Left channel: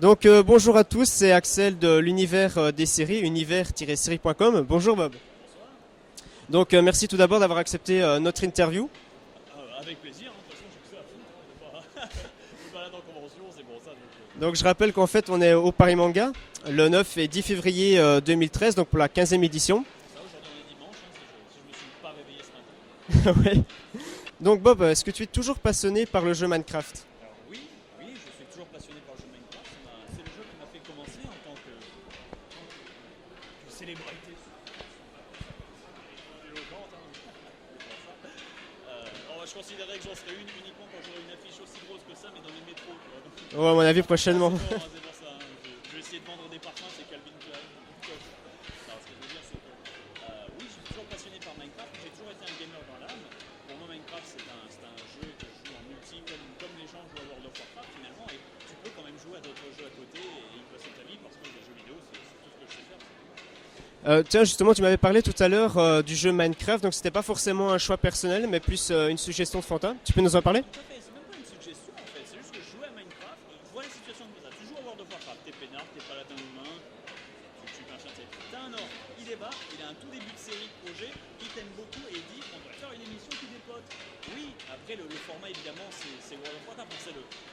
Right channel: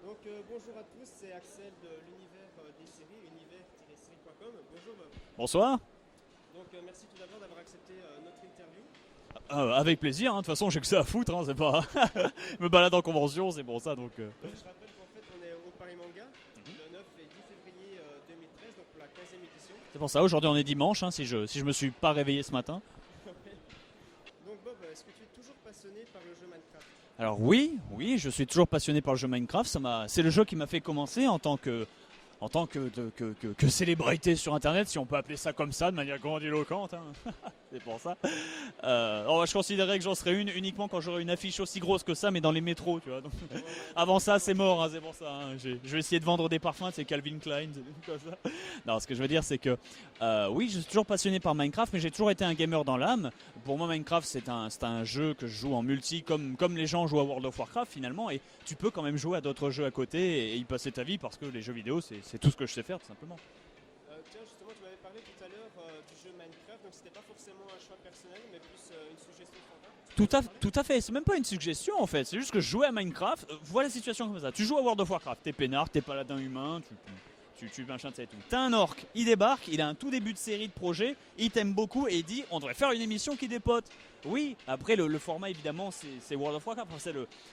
Donc bonjour à tous, c'est Axel de l'univers des séries, univers-série.com. Bonjour Bob. Bonsoir. Donc merci tout d'abord d'avoir accepté notre interview. Avec plaisir, hein. De toute façon j'ai que ça à foutre, hein. C'est pas... Je me balade en convention, c'est pour ça. Donc je rappelle qu'en fait on est au Paris Manga, le 9 et 10 février 2013, donc pour la 15e édition. C'est pour ça, aujourd'hui on est dimanche, hein, si je me suis pas réveillé ce matin. Ouais. Donc Bob, est-ce que tu es toujours passionné par le jeu Minecraft? Alors oui, je suis toujours passionné par le jeu Minecraft. C'est le jeu qui m'a fait commencer en tant que célébrité sur internet, si on peut appeler ça comme ça, de manière grandiloquente, hein. C'est pour ça. Je considérais que j'en serais une uniquement quand j'aurais une affiche aussi grosse que ça, mais dans les métros, tu vois. Donc, ouais, à mon avis prochainement. Ça, c'est mort, hein, c'est pour ça, hein. Je vais essayer de vendre des parfums, c'est Calvin Klein. Comme ça. Non, ce que je veux dire, c'est que oui, je suis toujours passionné par Minecraft, mais j'ai toujours été un gamer dans l'âme. Pour moi, Minecraft, c'est un jeu que je joue en multi, comme les gens jouent à World of Warcraft finalement, et tu peux quand même jouer à d'autres jeux à côté et y passer ta vie, parce que les jeux vidéo, c'est tout ce que je sais faire, tout simplement. Tiens, justement, tu m'avais parlé tout à l'heure du jeu Minecraft, donc c'était pas forcément un choix personnel, mais plus une suggestion de Fanta. Tu peux nous en parler? Tout à fait, c'est même pas une suggestion en fait, c'est juste que je jouais à Minecraft, voilà la situation comme ça. Tu joues à World of Warcraft, t'es peinard, t'es paladin humain, tu machin, t'as un orc, il débarque, il a un tout début de série de projet, il t'aime beaucoup et il dit on devrait faire une émission qui dépote. Oui, après le format évidemment c'est World of Warcraft,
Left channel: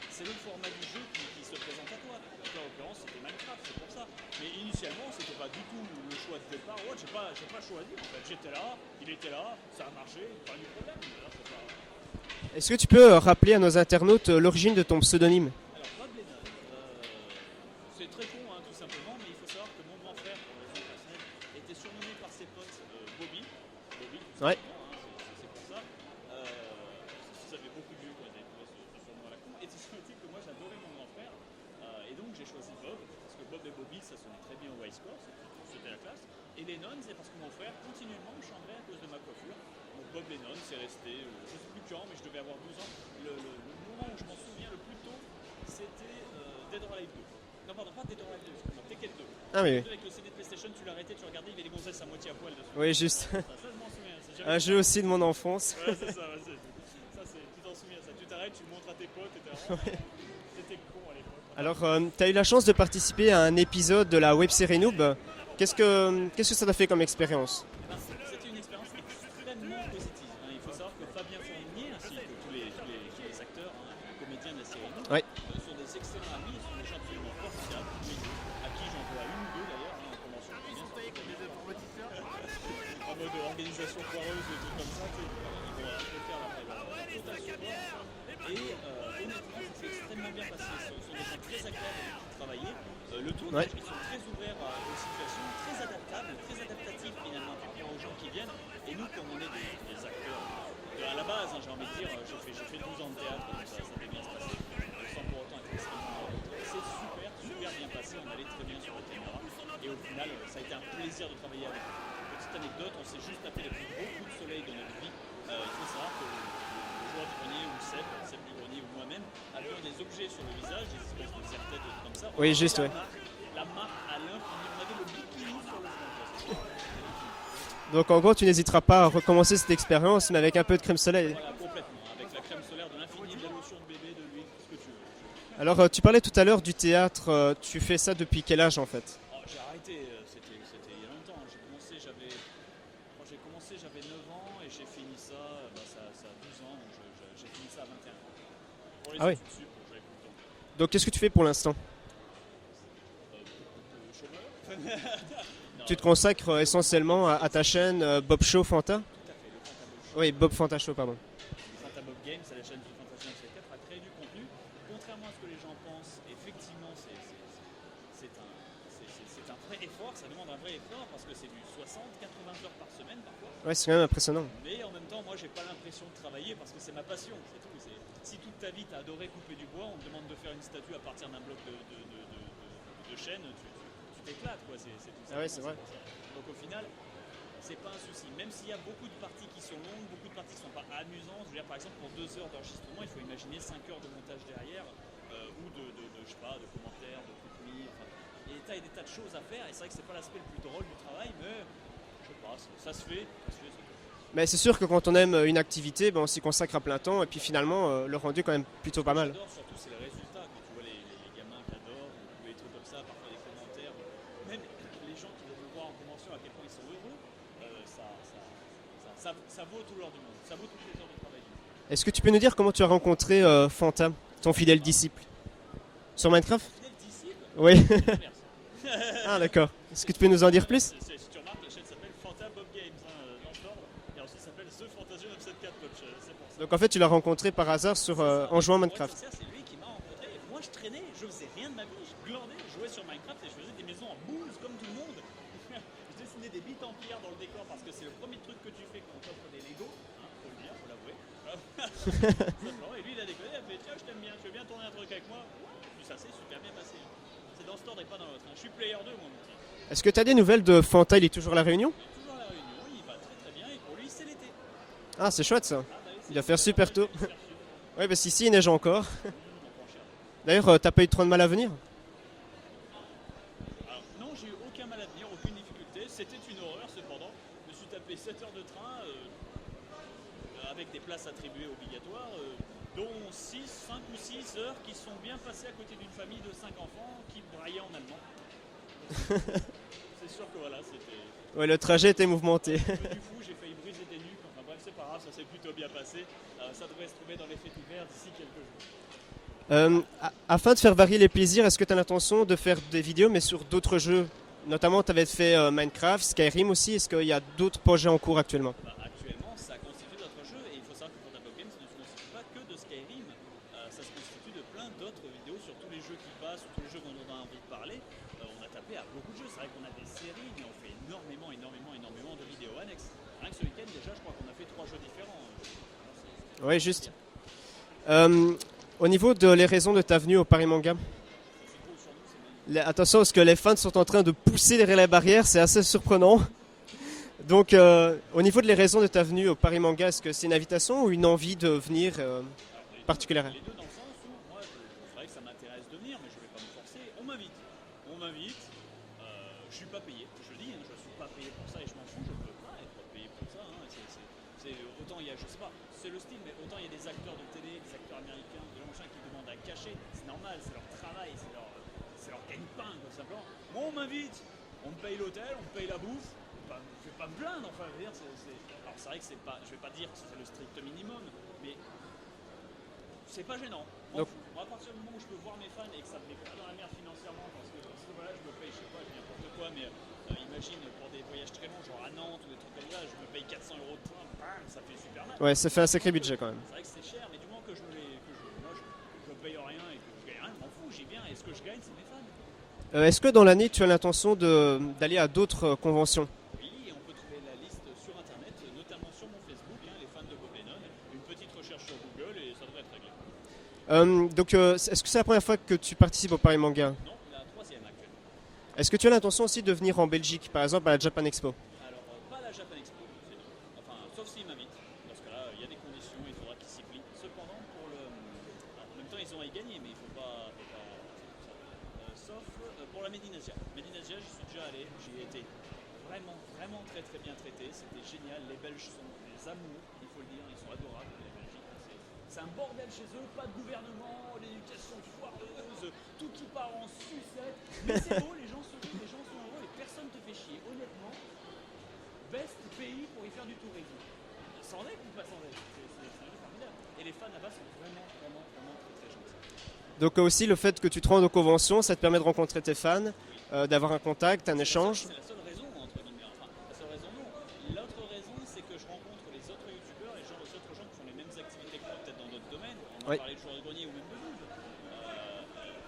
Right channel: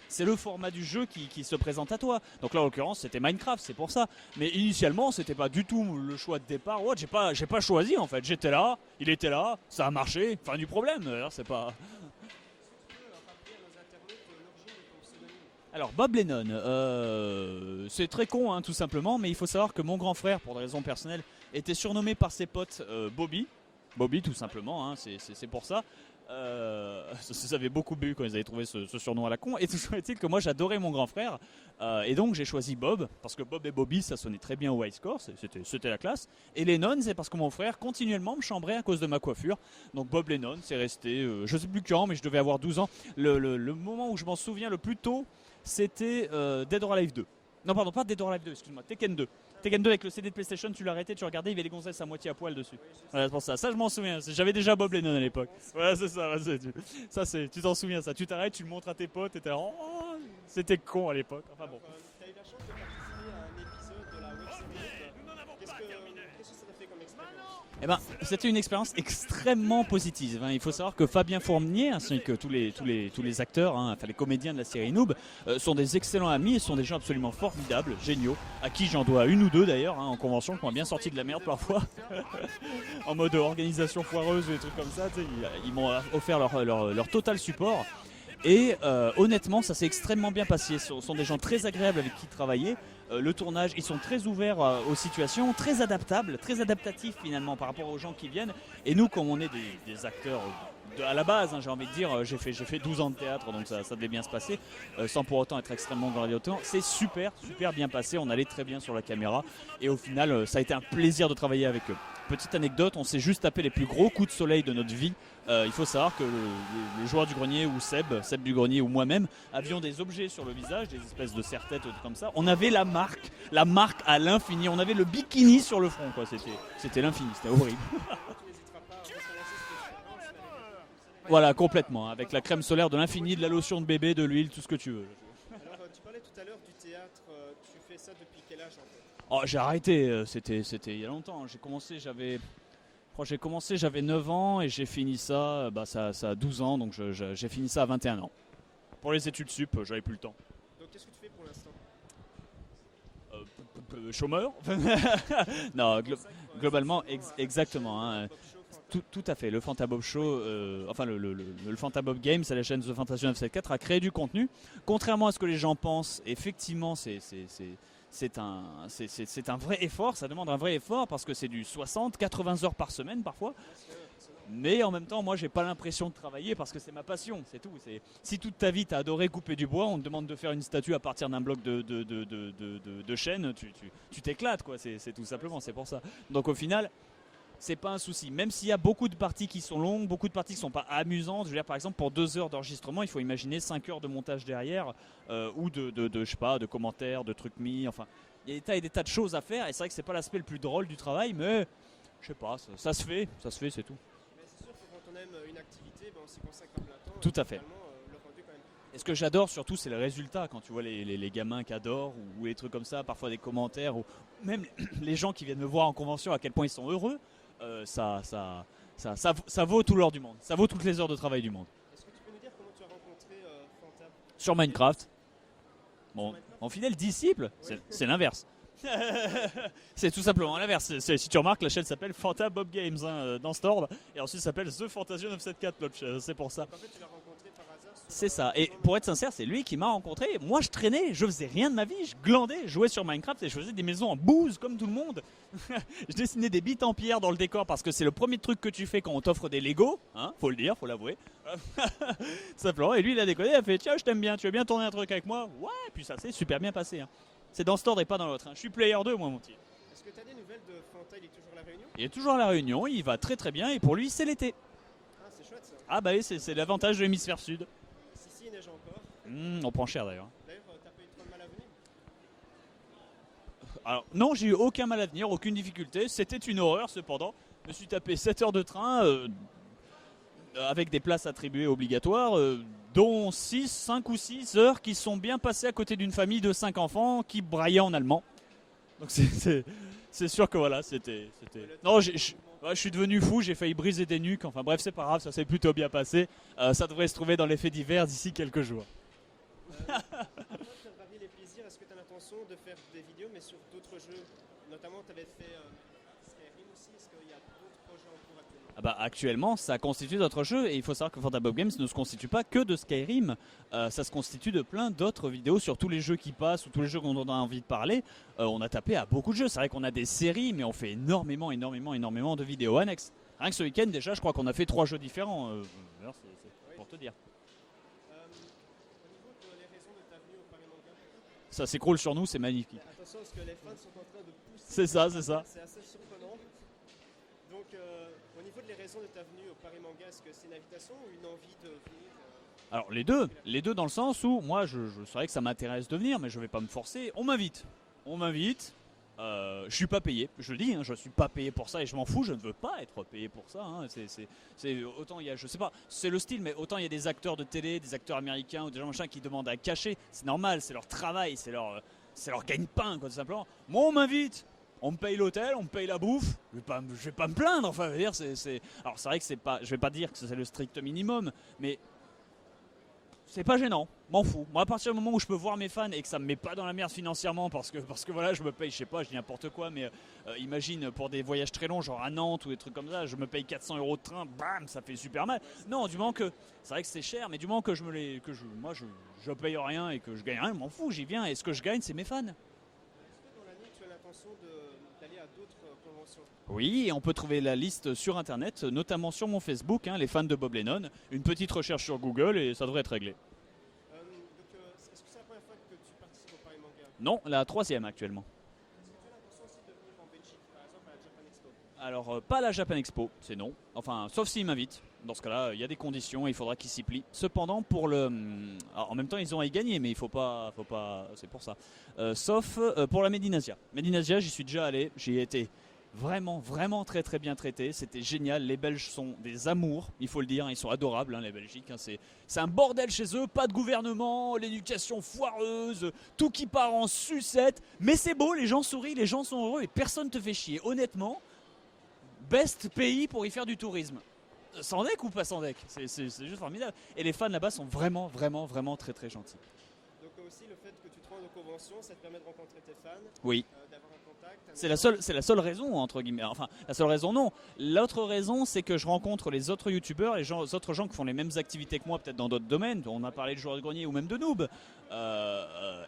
c'est le format du jeu qui se présente à toi. Donc là en l'occurrence c'était Minecraft, c'est pour ça. Mais initialement c'était pas du tout le choix de départ. Ouais, j'ai pas choisi en fait, j'étais là, il était là, ça a marché, enfin du problème, alors c'est pas... Est-ce que tu peux rappeler à nos internautes l'origine de ton pseudonyme? Alors Bob Lennon, c'est très con hein, tout simplement, mais il faut savoir que mon grand frère, pour des raisons personnelles, était surnommé par ses potes Bobby tout simplement, ouais. Hein, c'est pour ça. Ça avait beaucoup bu quand ils avaient trouvé ce surnom à la con, et tout est-il que moi j'adorais mon grand frère, et donc j'ai choisi Bob, parce que Bob et Bobby ça sonnait très bien au high score, c'était la classe, et Lennon c'est parce que mon frère continuellement me chambrait à cause de ma coiffure, donc Bob Lennon c'est resté, je sais plus quand, mais je devais avoir 12 ans, le moment où je m'en souviens le plus tôt, c'était Dead or Alive 2. Non pardon, pas Dead or Alive 2, excuse-moi, Tekken 2. Ah, Tekken oui. 2 avec le CD de PlayStation, tu l'arrêtais, tu regardais, il y avait les gonzesses à moitié à poil dessus. Oui, juste. Voilà, pour ça je m'en souviens, j'avais déjà Bob aussi de Lennon mon à l'époque. enfance. Ouais, c'est ça, tu t'en souviens ça, tu t'arrêtes, tu le montres à tes potes et t'es là, oh, c'était con à l'époque. Alors, tu as eu la chance de participer à un épisode de la web série Noob. Qu'est-ce que ça t'a fait comme expérience? Eh ben, c'était une expérience extrêmement positive, hein. Il faut savoir que Fabien Fournier, ainsi que tous les acteurs, hein, enfin les comédiens de la série Noob, Ouais. sont des excellents amis et sont des gens absolument formidables, géniaux, à qui j'en dois une ou deux d'ailleurs, hein, en convention, qui m'ont bien sorti de la merde parfois, en mode organisation foireuse et des trucs comme ça, ils m'ont offert leur total support. Et honnêtement ça s'est extrêmement bien passé, ce sont des gens très agréables avec qui travailler, le tournage, ils sont très ouverts aux situations, très adaptables, très adaptatifs finalement par rapport aux gens qui viennent, et nous comme on est des acteurs à la base, hein, j'ai envie de dire, j'ai fait 12 ans de théâtre donc ça devait bien se passer, sans pour autant être extrêmement grandiloquent, c'est super bien passé, on allait très bien sur la caméra et au final ça a été un plaisir de travailler avec eux. Petite anecdote, on s'est juste tapé les plus gros coups de soleil de notre vie. Il faut savoir que le joueur du grenier ou Seb du grenier ou moi-même avions des objets sur le visage, des espèces de serre-tête comme ça. On avait la marque à l'infini, on avait le bikini sur le front, quoi. C'était l'infini, c'était horrible. Donc en gros tu n'hésiteras pas à recommencer cette expérience mais avec un peu de crème solaire. Voilà, complètement, avec la crème solaire de l'infini, de la lotion de bébé, de l'huile, tout ce que tu veux. Alors tu parlais tout à l'heure du théâtre, tu fais ça depuis quel âge en fait? Oh, j'ai arrêté, c'était il y a longtemps, j'ai commencé, j'avais 9 ans et j'ai fini ça, ça a 12 ans, donc j'ai fini ça à 21 ans. Pour les études sup, j'avais plus le temps. Donc qu'est-ce que tu fais pour l'instant? Chômeur. Non, tu te consacres essentiellement à ta chaîne Bob Show Fanta? Tout à fait, le Fanta Bob Show. Oui, Bob Fanta Show. Enfin, le Fanta Bob Games, c'est la chaîne The Fantasy 974, a créé du contenu. Contrairement à ce que les gens pensent, effectivement, c'est un vrai effort, ça demande un vrai effort parce que c'est du 60-80 heures par semaine parfois. Ouais, c'est quand même impressionnant. Mais en même temps, moi j'ai pas l'impression de travailler parce que c'est ma passion, c'est tout. Si toute ta vie t'as adoré couper du bois, on te demande de faire une statue à partir d'un bloc de chêne, tu t'éclates quoi, c'est tout simplement, c'est pour ça. Donc au final, c'est pas un souci. Même s'il y a beaucoup de parties qui sont longues, beaucoup de parties qui sont pas amusantes. Je veux dire, par exemple, pour 2 heures d'enregistrement, il faut imaginer 5 heures de montage derrière, ou je sais pas, de commentaires, de trucs mis. Enfin, il y a des tas de choses à faire. Et c'est vrai que c'est pas l'aspect le plus drôle du travail, mais je sais pas, ça se fait, c'est tout. Mais c'est sûr que quand on aime une activité, on s'y consacre à plein temps et Tout puis à fait. finalement le rendu est quand même plutôt Ce pas que mal. j'adore surtout, c'est le résultat. Quand tu vois les gamins qui adorent ou les trucs comme ça, parfois des commentaires, ou même les gens qui viennent me voir en convention, à quel point ils sont heureux, ça vaut tout l'or du monde. Ça vaut toutes les heures de travail du monde. Est-ce que tu peux nous dire comment tu as rencontré Fanta, ton Sur fidèle Minecraft. disciple? Bon, Sur Minecraft? Mon fidèle disciple, Oui. c'est l'inverse. Ah d'accord. C'est Tu tout peux nous en simplement dire l'inverse. Si tu remarques, la chaîne s'appelle Fanta Bob Games dans Store, et ensuite ça s'appelle The Fantasia 974 Bob. C'est pour ça. Donc en fait tu l'as rencontré par hasard C'est ça. en Et jouant à pour être Minecraft. sincère, c'est lui qui m'a rencontré. Moi, je traînais, je faisais rien de ma vie, je glandais, je jouais sur Minecraft et je faisais des maisons en bouse comme tout le monde. Je dessinais des bits en pierre dans le décor parce que c'est le premier truc que tu fais quand on t'offre des Lego, hein, faut le dire, faut l'avouer. Simplement. Et lui, il a déconné, il a fait tiens, je t'aime bien, tu veux bien tourner un truc avec moi? Ouais, puis ça s'est super bien passé. Hein. C'est dans Store et pas dans l'autre. Hein. Je suis player 2, moi, mon petit. Est-ce que tu as des nouvelles de Fanta? Il est toujours à La Réunion? Il est toujours à La Réunion, il va très très bien et pour lui, c'est l'été. Ah c'est chouette ça. Ah bah oui, c'est Il va faire super l'avantage de tôt. l'hémisphère sud. Oui parce qu'ici il neige encore. On prend cher d'ailleurs. D'ailleurs t'as pas eu trop de mal à venir? Alors non, j'ai eu aucun mal à venir, aucune difficulté. C'était une horreur cependant. Je me suis tapé 7 heures de train avec des places attribuées obligatoires, dont 5 ou 6 heures qui sont bien passées à côté d'une famille de 5 enfants qui braillaient en allemand. Donc c'est sûr que voilà, c'était... Ouais le trajet Non, était mouvementé. Ouais, je suis devenu fou, j'ai failli briser des nuques. Enfin bref, c'est pas grave, ça s'est plutôt bien passé. Ça devrait se trouver dans les faits divers d'ici quelques jours. Afin de faire varier les plaisirs, est-ce que tu as l'intention de faire des vidéos mais sur d'autres jeux? Notamment tu avais fait Minecraft, Skyrim aussi, est-ce qu'il y a d'autres projets en cours actuellement? Ah bah, actuellement, ça constitue d'autres jeux et il faut savoir que Fanta Bob Games ne se constitue pas que de Skyrim. Ça se constitue de plein d'autres vidéos sur tous les jeux qui passent ou tous les jeux dont on a envie de parler. On a tapé à beaucoup de jeux. C'est vrai qu'on a des séries, mais on fait énormément de vidéos annexes. Rien que ce week-end, déjà, je crois qu'on a fait 3 jeux différents. Oui juste. Au niveau de les raisons de ta venue au Paris Manga, Ça s'écroule sur nous, c'est magnifique. attention parce que les fans sont en train de pousser C'est derrière ça, la c'est barrière, c'est assez surprenant. Donc au niveau de les raisons de ta venue au Paris Manga, est-ce que c'est une invitation ou une envie de venir Alors particulière. les deux dans le sens où moi, je savais que ça m'intéresse de venir, mais je vais pas me forcer. On m'invite. Je suis pas payé, je le dis, hein, je suis pas payé pour ça et je m'en fous, je ne veux pas être payé pour ça. Hein. Autant il y a, je sais pas, c'est le style, mais autant il y a des acteurs de télé, des acteurs américains ou des gens machin qui demandent à cacher, c'est normal, c'est leur travail, c'est leur gagne-pain, quoi, tout simplement. Moi, on m'invite, on me paye l'hôtel, on me paye la bouffe, je vais pas me plaindre, enfin, je veux dire, alors c'est vrai que c'est pas, je vais pas dire que c'est le strict minimum, mais c'est pas gênant, m'en fous. Moi, à partir du moment où je peux voir mes fans et que ça me met pas dans la merde financièrement parce que voilà, je me paye, je sais pas, je dis n'importe quoi, mais imagine pour des voyages très longs, genre à Nantes ou des trucs comme ça, je me paye 400 € de train, bam, ça fait super mal. Ouais, ça Non, fait un du sacré moment que- budget quand même. C'est vrai que c'est cher, mais du moment que je paye rien et que je gagne rien, je m'en fous, j'y viens et ce que je gagne, c'est mes fans. Est-ce que dans l'année tu as l'intention d'aller à d'autres conventions? Oui, et on peut trouver la liste sur internet, notamment sur mon Facebook, hein, les fans de Bob Lennon. Une petite recherche sur Google et ça devrait être réglé. Donc est-ce que c'est la première fois que tu participes au Paris Manga? Non, la 3e actuellement. Est-ce que tu as l'intention aussi de venir en Belgique, par exemple à la Japan Expo? Alors, pas la Japan Expo, c'est non. Enfin, sauf s'ils m'invitent. Dans ce cas-là, il y a des conditions et il faudra qu'ils s'y plient. Cependant, alors, en même temps, ils ont à y gagner, mais il faut pas. C'est pour ça. Sauf pour la Medinasia. Medinasia, j'y suis déjà allé. J'y ai été vraiment très très bien traité. C'était génial. Les Belges sont des amours, il faut le dire. Ils sont adorables, hein, les Belgiques. Hein, c'est un bordel chez eux, pas de gouvernement, l'éducation foireuse, tout qui part en sucette. Mais c'est beau, les gens sourient, les gens sont heureux et personne te fait chier. Honnêtement, best pays pour y faire du tourisme. Sans deck ou pas sans deck, c'est juste formidable. Et les fans là-bas sont vraiment très très gentils. Donc aussi le fait que tu te rendes aux conventions, ça te permet de rencontrer tes fans, Oui. d'avoir un contact, un C'est échange. la seule raison, entre guillemets. Enfin, la seule raison, non. L'autre raison, c'est que je rencontre les autres youtubeurs, les autres gens qui font les mêmes activités que moi, peut-être dans d'autres domaines. On a Oui. parlé de joueurs de grenier ou même de noob.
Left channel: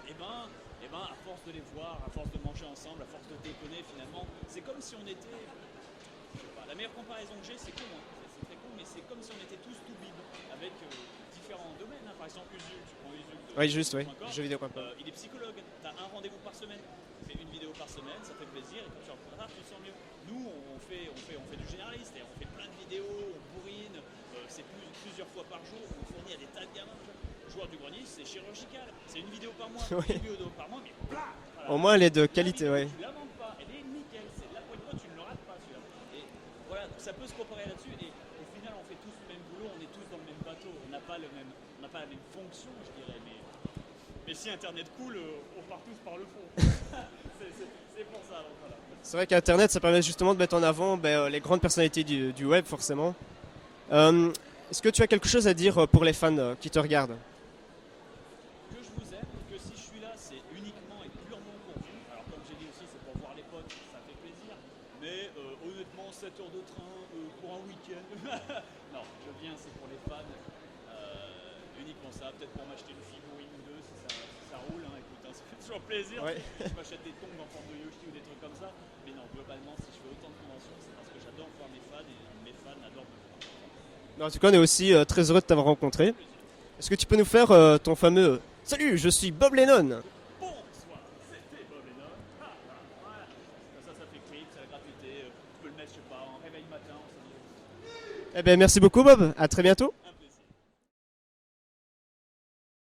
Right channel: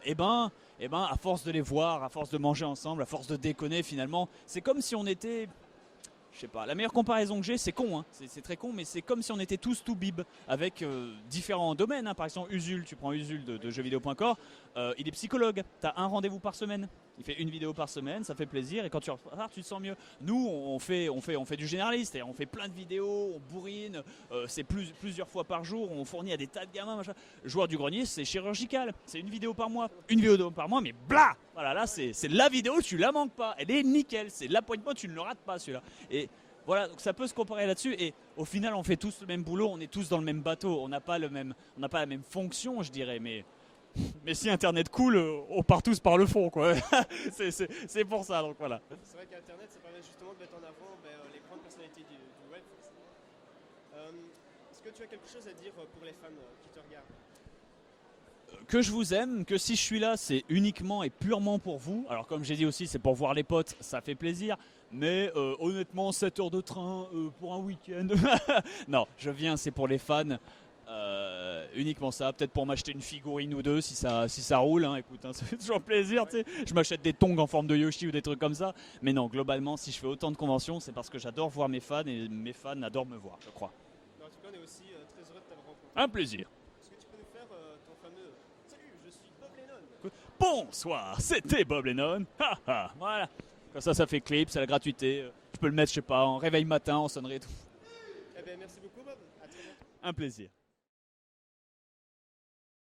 Et ben, à force de les voir, à force de manger ensemble, à force de déconner, finalement, c'est comme si on était. Je sais pas, la meilleure comparaison que j'ai, c'est con, hein. C'est très con, mais c'est comme si on était tous tout bib avec différents domaines. Hein. Par exemple, Usul, tu prends Usul de Ouais, juste, jeuxvideo.com. oui, jeuxvideo.com. Il est psychologue, tu as un rendez-vous par semaine. Il fait une vidéo par semaine, ça fait plaisir et quand tu repars, tu te sens mieux. Nous, on fait du généraliste, on fait plein de vidéos, on bourrine, c'est plusieurs fois par jour, on fournit à des tas de gamins, machin. Le joueur du grenier, c'est chirurgical, c'est une vidéo par mois. Oui. Une vidéo par mois, mais blah voilà, Au là, moins, elle est de c'est la qualité, vidéo, ouais. tu la manques pas, elle est nickel, c'est la pointe de mot, tu ne le rates pas celui-là. Et Voilà, donc ça peut se comparer là-dessus. Et au final, on fait tous le même boulot, on est tous dans le même bateau. On n'a pas la même fonction, je dirais. Mais si Internet coule, on part tous par le fond, quoi. C'est pour ça, donc voilà. C'est vrai qu'Internet, ça permet justement de mettre en avant les grandes personnalités du web, forcément. Est-ce que tu as quelque chose à dire pour les fans qui te regardent? Que je vous aime, que si je suis là, c'est uniquement et purement pour vous. Alors comme j'ai dit aussi, c'est pour voir les potes, ça fait plaisir. Mais honnêtement, 7 heures de train pour un week-end. Non, je viens, c'est pour les fans. Uniquement ça, peut-être pour m'acheter une figurine ou deux si ça roule. Hein. Écoute, hein, ça fait toujours plaisir. Ouais. Tu sais. Je m'achète des tongs en forme de Yoshi ou des trucs comme ça. Mais non, globalement, si je fais autant de conventions, c'est parce que j'adore voir mes fans et mes fans adorent me voir, je crois. En tout cas, on est aussi très heureux de t'avoir rencontré. Un plaisir. Est-ce que tu peux nous faire ton fameux Salut, je suis Bob Lennon? Bonsoir, c'était Bob Lennon. Voilà. Comme ça fait clip, c'est la gratuité. Je peux le mettre, je sais pas, en réveil matin, en sonnerie et tout. Eh bien, merci beaucoup, Bob. À très bientôt. Un plaisir.